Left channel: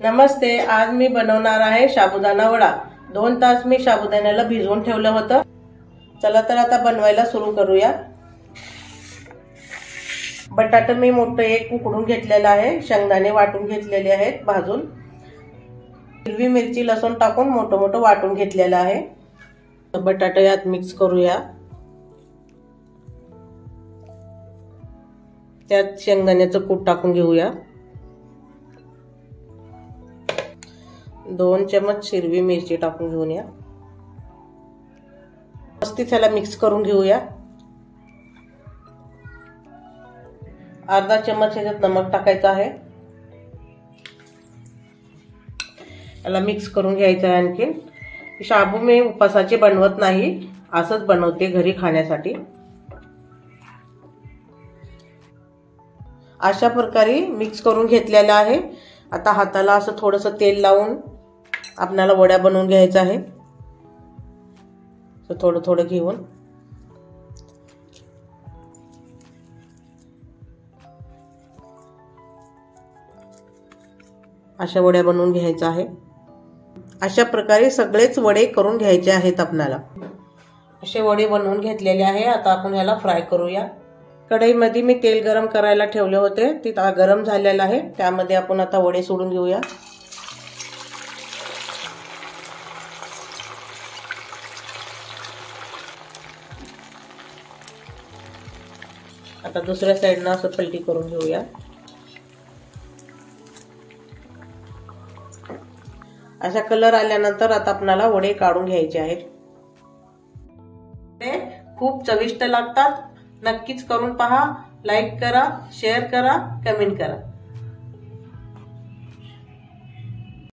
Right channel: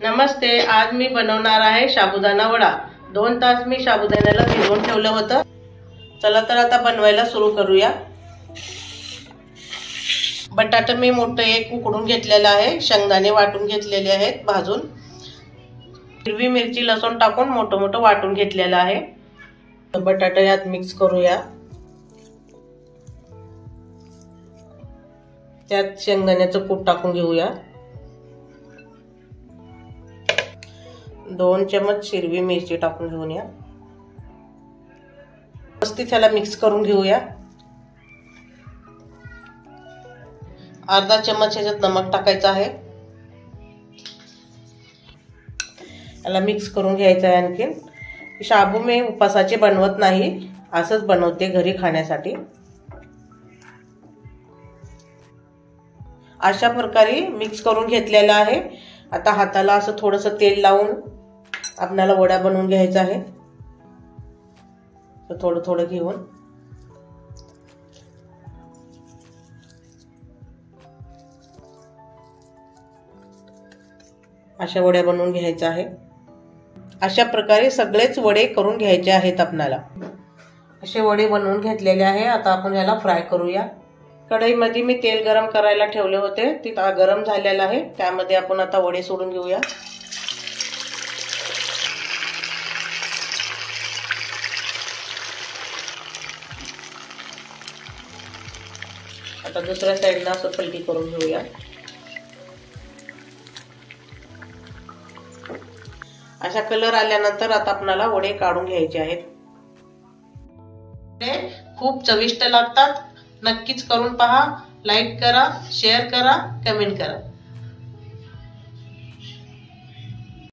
नमस्ते, आज मी बनवणार आहे साबुदाणा वडा। 2 तास मी साबुदाण्याला भिजवून ठेवलं होतं। चला तर आता बनवायला सुरू करूया। बटाटा मी मोठं एक उकडून घेतलेला आहे, शेंगदाणे वाटून घेतलेले आहेत भाजून, हिरवी मिरची लसूण टाकून मोठं मोठं वाटून घेतलेलं आहे। बटाटा यात मिक्स करूया। त्यात शेंगदाण्याचं कूट टाकून घेऊया। 2 चमच हिरवी मिरची टाकून घेऊया। मस्त त्याला मिक्स करून घेऊया। अर्धा चमच ह्याच्यात नमक टाकायचं आहे। याला मिक्स करून घ्यायचं आहे। आणखी शाबू मी उपासाचे बनवत नाही, असंच बनवते घरी खाण्यासाठी। अशा प्रकारे मिक्स करून घेतलेला आहे। आता हाताला असं थोडंसं तेल लावून आपल्याला वड्या बनवून घ्यायचा आहे। तर थोडं थोडं घेऊन अशा वड्या बनवून घ्यायचा आहे। अशा प्रकारे सगळेच वडे करून घ्यायचे आहेत आपल्याला। असे वडे बनवून घेतलेले आहे। आता आपण याला फ्राय करूया। कढईमध्ये मी तेल गरम करायला ठेवले होते, ते गरम झालेलं आहे। त्यामध्ये आपण आता वडे सोडून घेऊया। आता दुसऱ्या साइडला असं पलटी करून घेऊया। अशा कलर आल्यानंतर आता आपल्याला वडे काढून घ्यायचे आहेत। ते खूप चविष्ट लागतात। नक्कीच करून पहा। लाईक करा, शेअर करा, कमेंट करा।